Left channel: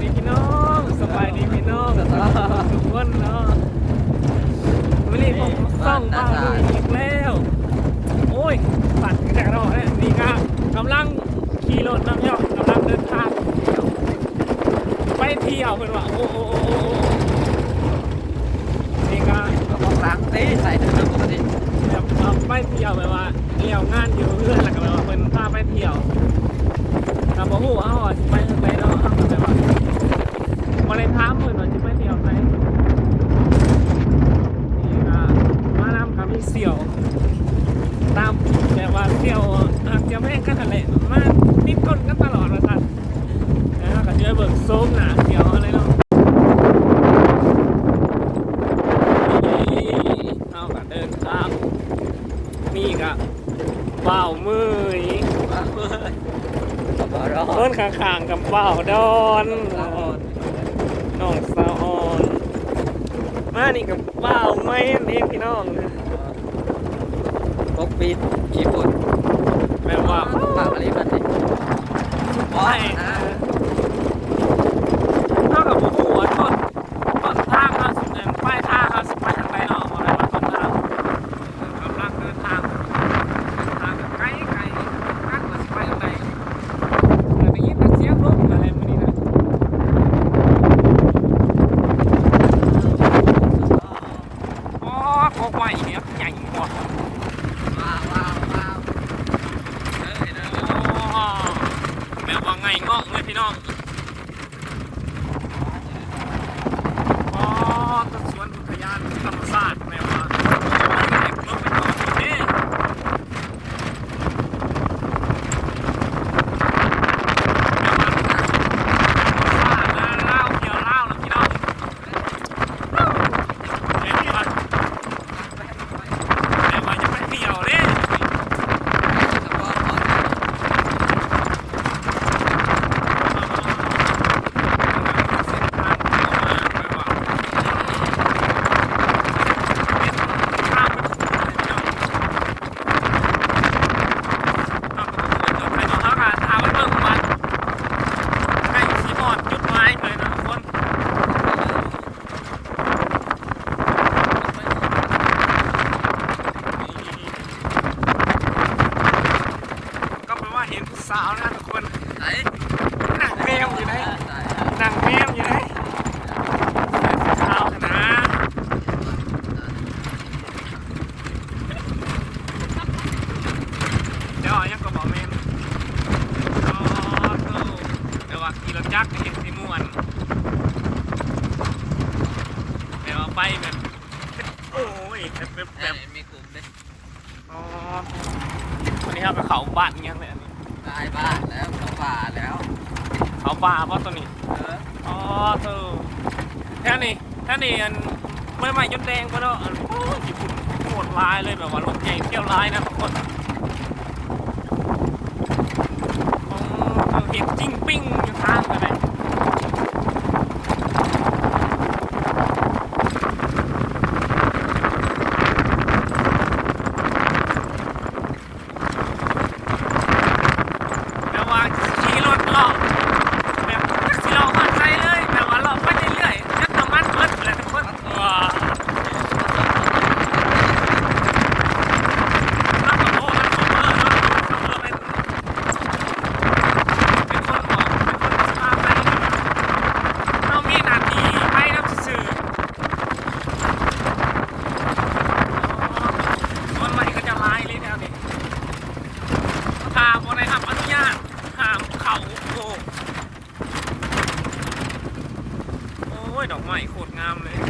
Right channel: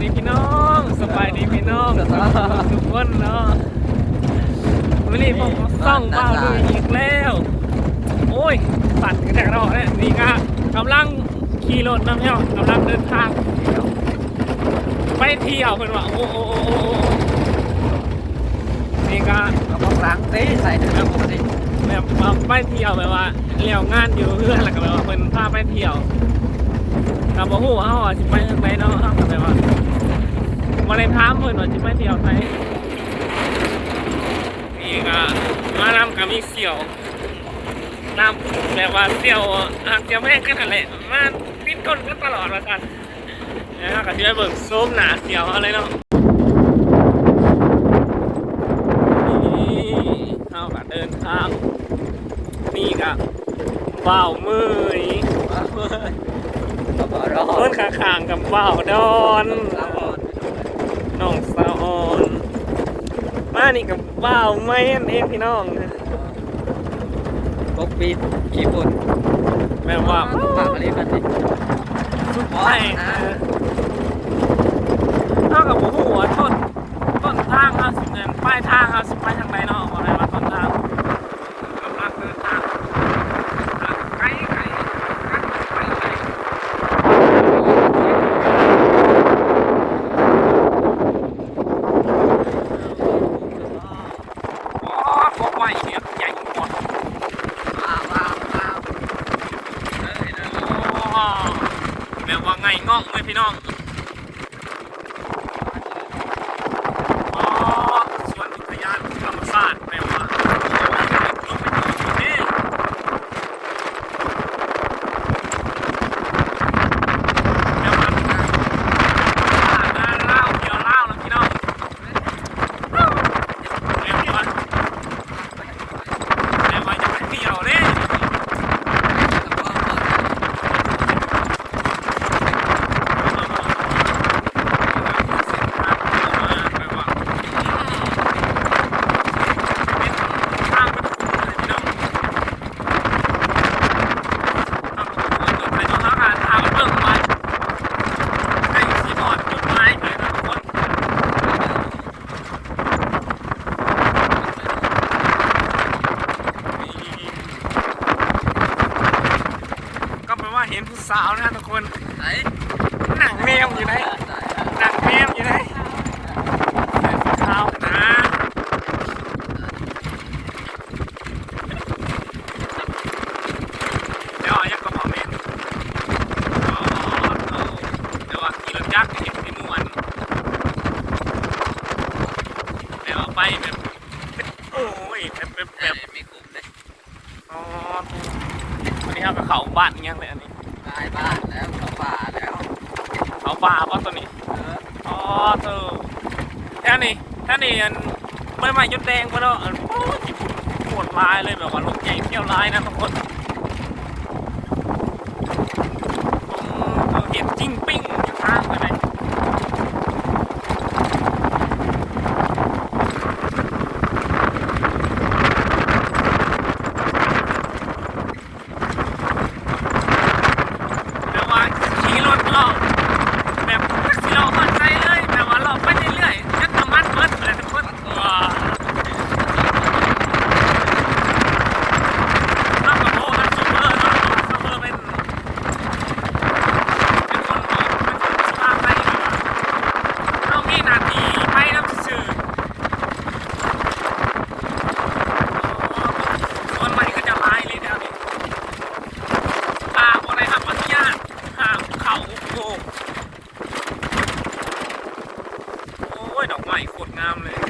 ดีพี่น้องสบายดีพี่น้องทุกคนเนาะวันนี้ผมส่องเบ้าลุยอีกแล้ว โอ้ยปัดกระแดกเราเนี่ยนี่ก็กำลังขี่รถน้ำเนาะกำลังเดินทางไปเที่ยวเป็นว่าโอ้โอ้โอ้โอ้โอ้นี่ก็ต้องล้างเอ้ยใส่น้ำผมดิแบบว่าไปเที่ยวแบบว่าเลี้ยวงานอยู่เพื่อนแล้วก็แบบว่าเป็นพาไปเที่ยว กับบ่ฮู้ว่าเฮาอะสิไปทางไหนเนาะเฮาก็แบบว่าบ่ได้ถามเพิ่นว่าสิไปเที่ยวไสนี่ก็มานำกับมีเสี่ยวตามแบบว่าเสี่ยวอาจจะแม่งกันนั่นแหละมาติดก้นกันตลอดว่าซั่นแล้วเราก็สิไปเบิ่งโซมหน้าเสี่ยวอะไรเนาะเฮาก็เดินทางนี่ก็เบ้ามือนี่ ต้นข้างๆกับเบ้าดอนน้องสาวอ่อน มานี่กับเบ้าแม่นเองพี่น้องปกปีขี่ปุ่นแบบว่าปากอะไรกันนี่ไม่เท่ากับผมหัวต้นต้นทางห้าสิบเองป้ายทางห้าสิบ อ๋อเธอแค่นี้แค่นี้อันไม่ไม่ยดแดงไปแล้วอันโอ้ยญี่ปุ่นโหดลายเลยแบบว่ารถใหญ่เที่ยวลายนะทุกคนอืมเห็ดจิ้งปิ้งทางไปเลยแต่ว่าขี่รถเลาะแบบขี่เลาะมันใจเลยแต่ว่าเลาะไปเรื่อยๆนึกน้ำมันเบิดเลยทุกคนเออ ถ้ากับโลกันสูงเลยเนาะก็คือเป็นเป็นคนบอกเป็นคนพาไปเรามีหนาทีไปน้ำซื่อคนใหม่ก็จะไล่เลยแถวนี้ตาคนไหนครับอนุญาตห้ามเขาโอ้โอ้ยดอกไม้โคตร งามเลย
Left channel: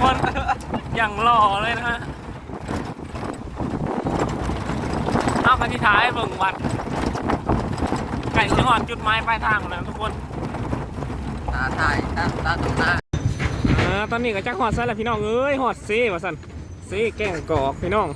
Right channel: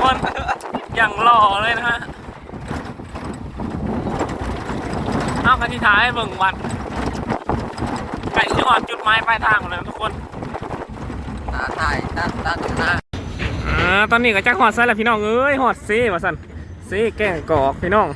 คน อย่างหล่อเลยนะฮะเอาคันที่ท้ายเบิ่งวัดไก่จังหอดจุดไม้ปลายทางหมดเลยทุกคนตาใต้ตตาตอตอนนี้ก็จักหอดใส่แล้วพี่น้องเอ้ยหอดซีว่าสันซีแกงกอกพี่น้อง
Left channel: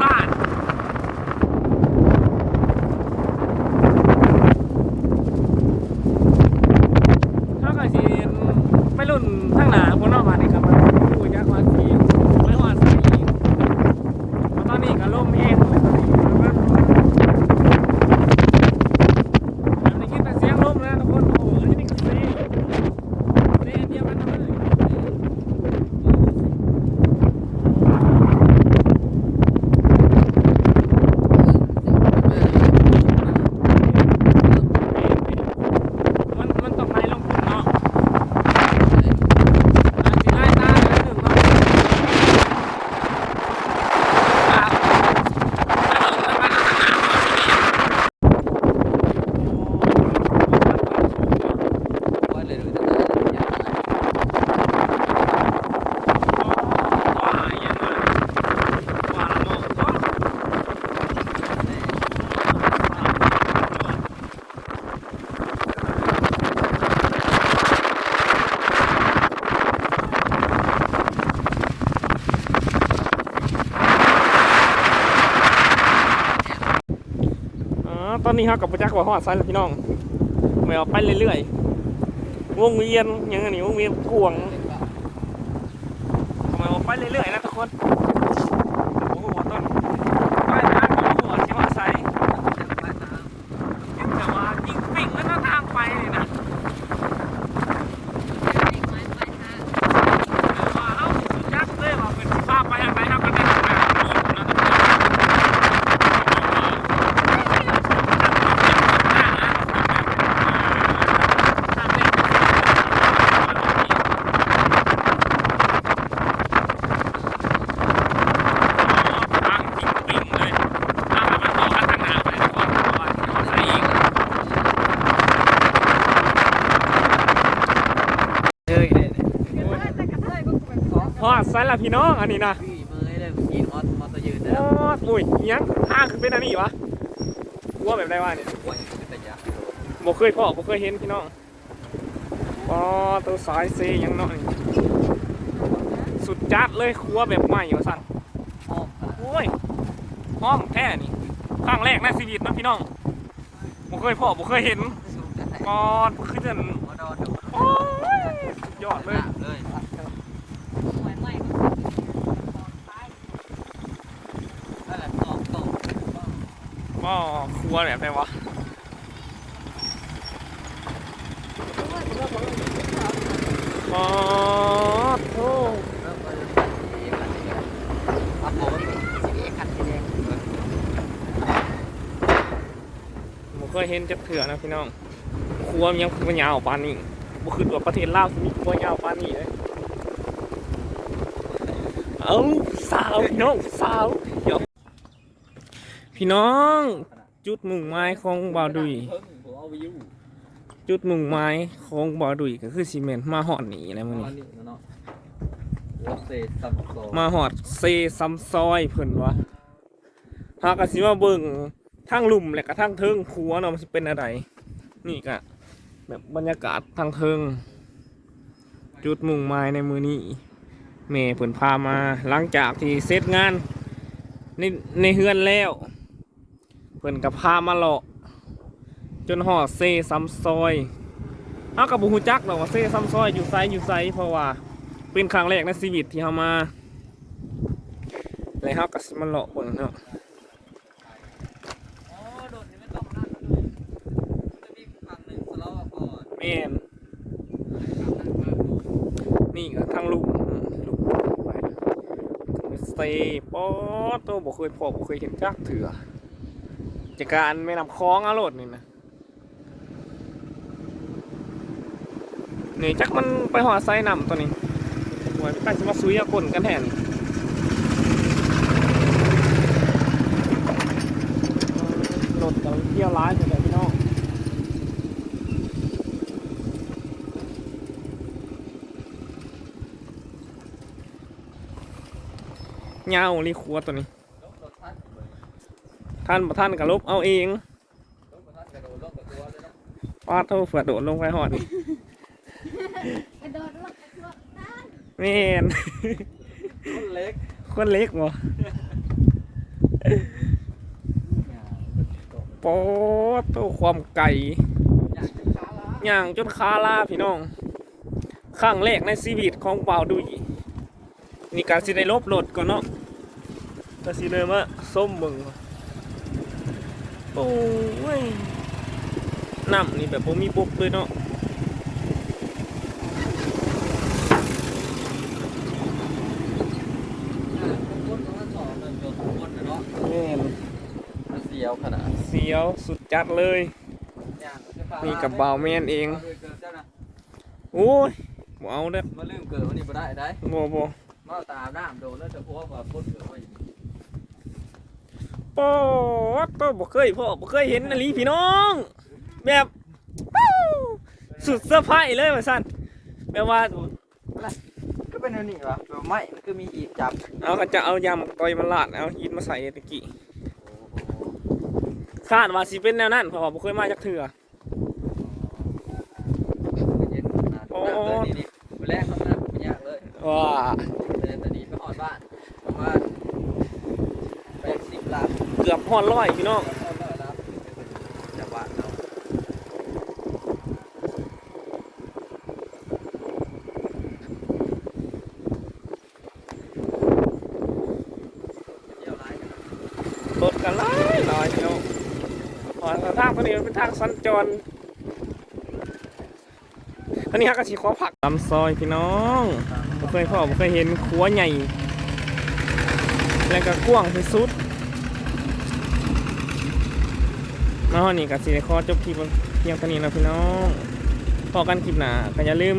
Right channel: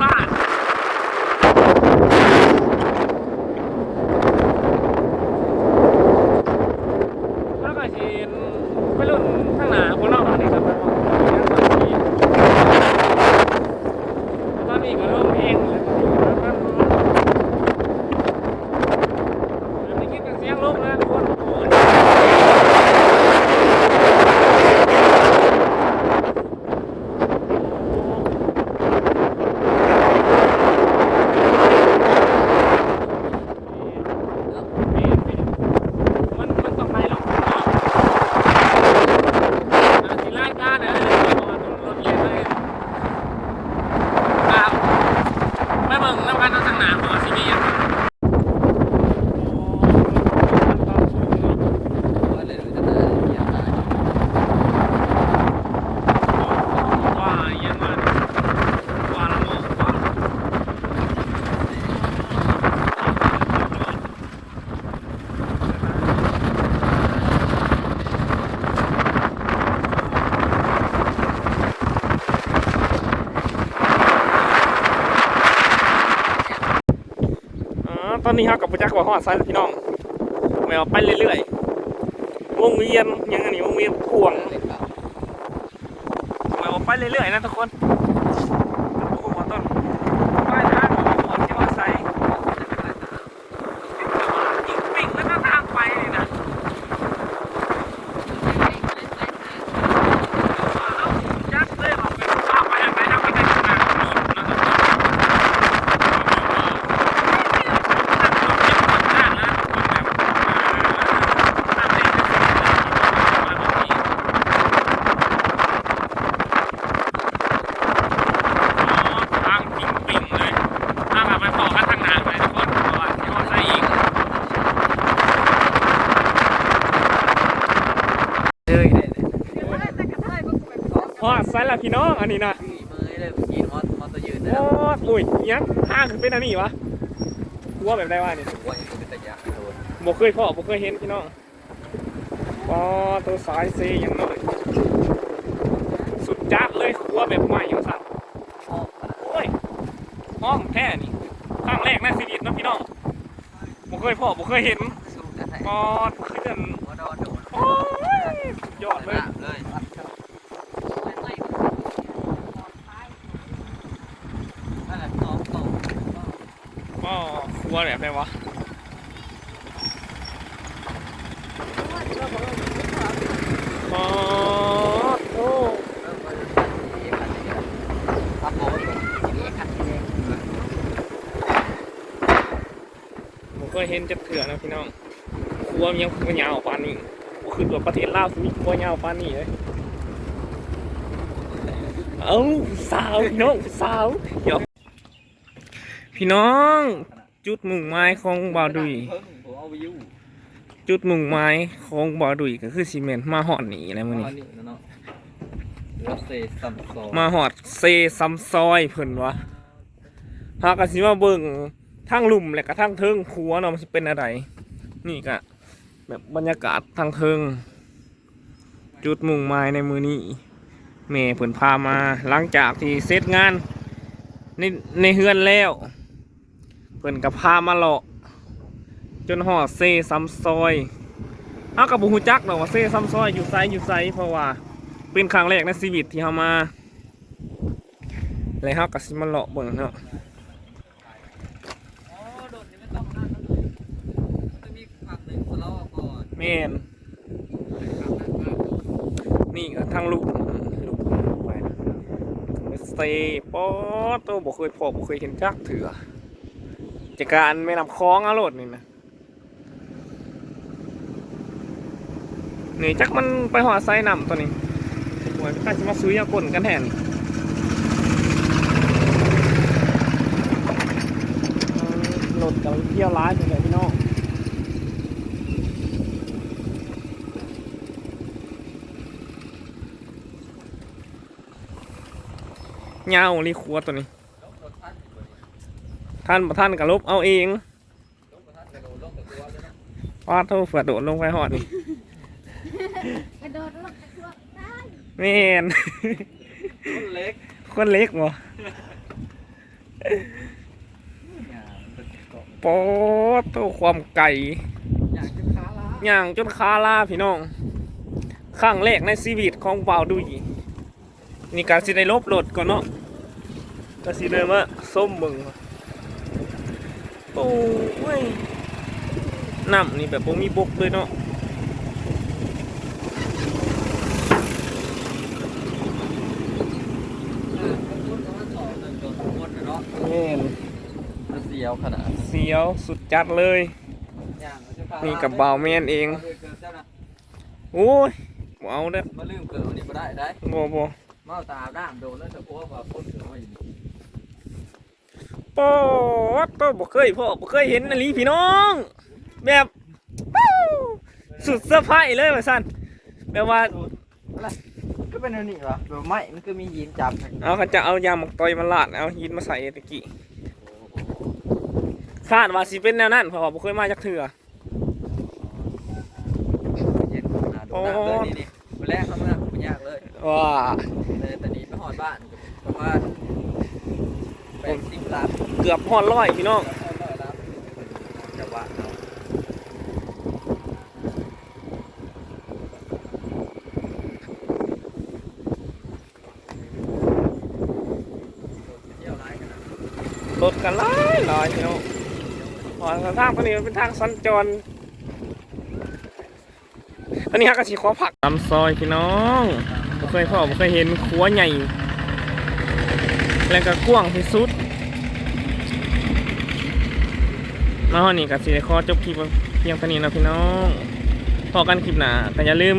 outside. อนนี้เฮากับประจักอกว่าฮอดไซส์พี่น้องแมวไปเรื่อยๆวงเวียนยังไงนี่วงเวียนกวงแมวไปเรื่อยๆนะทุกคน ละพี่น้องอันนี้นะพี่เมย์เลยขี่มอสมอสตัวยืนโอ้อุ้ยอิหยังห้างคือเป็นอันนี้วะกลัวแบบได้ว่านี่ว่าเป็นตะยักโดนบ่เคยพ่อบ่เคยเห็นพี่น้องปอตัวสายเซยังน้อยสุดจัดเลยครัวแบบใหม่อยู่สั่นอ้อมขนาดโอ้ยห้องแท้นี่ครั้งแรกในชีวิตเนาะพี่น้องบ่เคยพ่อบ่เคยเห็นสูงจะไหนก่อนขึ้นหัวโดนโดนโอ้ยสุดยอดเลย เลยนั่นแหละตอกตอก ก็ ครัวแบบได้วะปอดโอ้พักโบผมเคยเห็นจักเถื่อนะพี่น้องครัวมันยังครัวยาวปานนี้บ่ขึ้นตัวประเทศลาวมีครัวยาวปานนี้เลยเอ้าสาวพี่น้องสาวเดี๋ยวพี่น้อง จุดมุ่งหมายของบ่าวดุยเพิ่งผมเอาไปยู่จุดมุ่งหมายของบ่าวดุยก็คือซีเมนต์มาหอดหนีอะไรมื้อนี้นี่เนาะรถเซซัมโซมาหอดเซซัมซอยเพิ่นวะหากสิมาเบิ่งทางลุ่มและก็ทางเทิงครัวเนาะมันสิเป็นอะไร นี่ก็แบบบรรยากาศทางเทิง จุดมุ่งหมายในมือนี้แม่เพิ่นพามาหลังจากที่เสร็จงานในในเฮือนแล้ว เพิ่นก็พามาเลาะจนหอดเซซัมซอยเฮากับบุฮูจักดอกว่าเซซัมซอยอยู่ไซอยู่ไซเพราะว่าเป็นครั้งแรกในชีวิตที่เขามาเลยเขาก็สิมาเลาะเบิ่งเนาะอ๋อโดนนี่ไม่ต้องนั่นจะมีครั้งหนึ่งสโลว์ก่อนแม่นนี่ก็ทางลูกลูกไปเมสเตป๊อโตบ่เคยพอบ่เคยเห็นจักเถื่อ จากการไม่นำคล้องอารมณ์นี่นะนี่จักมันไปหอไซนำตัวนี้หวยไปตั้งจะมาซุยเอากลนกันแทนนี่เออรถกำลังเที่ยวร้ายอยู่เลยพี่น้องเงาลีคัวตัวนี้ ท่านท่านกับลบเอาเองลบรถทันกระโดเลยนะปาดโทษเฟือโดดลงไปหอดนี่แม่นรถเล็กคนเล็กบ่เนี่ยมันจะตกปอดโตความไก่ย่างจนคาลาพี่น้องครั้งแรกในชีวิตของเปล่าดุยนี่การสิได้ลบรถก่อนเนาะก็สิเดินมาส้มมึงว่ะ โอ้ยน้ำนี่แบบบ่มีบกเลยเนาะคนประมาณสองหนึ่งตัวคนนะเนาะแม่นจะเสียวขนาดเสียวสุดจัดเลยอย่างจะขานี่กับบ่าวแม่นเองเกิดเจ้าน่ะโอ้ยบ่เอาเด้อมาลืมเกิดวันนี้บ่ได้ได้บ่บ่มาตาด้ามโดนแล้วจะพวกว่าคนเกิดว่าอยู่ ปอดก็บ่เคยพ่อบ่เคยเห็นอันนี้พี่น้อง แบบว้าวสุดเซอร์ไพรส์เลยว่าซั่นแบบว่าก็เป็นอันนี้วะแบบไม้มันก็มียีนจับเอาเขาจะเอายางมักตอยมาลาดเอาหินมาใส่ตะกี้คาดว่าสิเป็นแนวนั้นเพราะว่าบ่เคยมาจากเถื่อเย็นขนาดโอ้แบบนี้นี่วันแรกเขาไม่น่าเป็นยากเลยว้าเดินตอนนี้ไปหอดบ้านเพราะว่าไปสิบล้าน เกือบฮอดร้อยพี่น้องหอดร้อยล้านอย่าว่าเอยร้ายขนาดรถกันหลายหลายพี่น้องอ๋อทางตัวนี้มันเป็นทางสัญจรอันนี้ฮะก็สิขอผักตำซอยพี่น้องบ่เคยพ่อบ่เคยเห็นครัวใหญ่ แล้วก็กว้างที่สุด มาฮอนี่ก็สิได้ขอจบคลิปเพียงเท่านี้นะพี่น้องพอกันคลิปหน้าก็อย่าลืม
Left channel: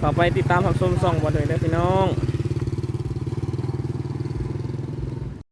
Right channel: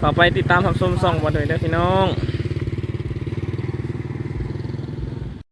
ขอไปติดตามทำส้มส่องบ่ด้วยเด้อพี่น้อง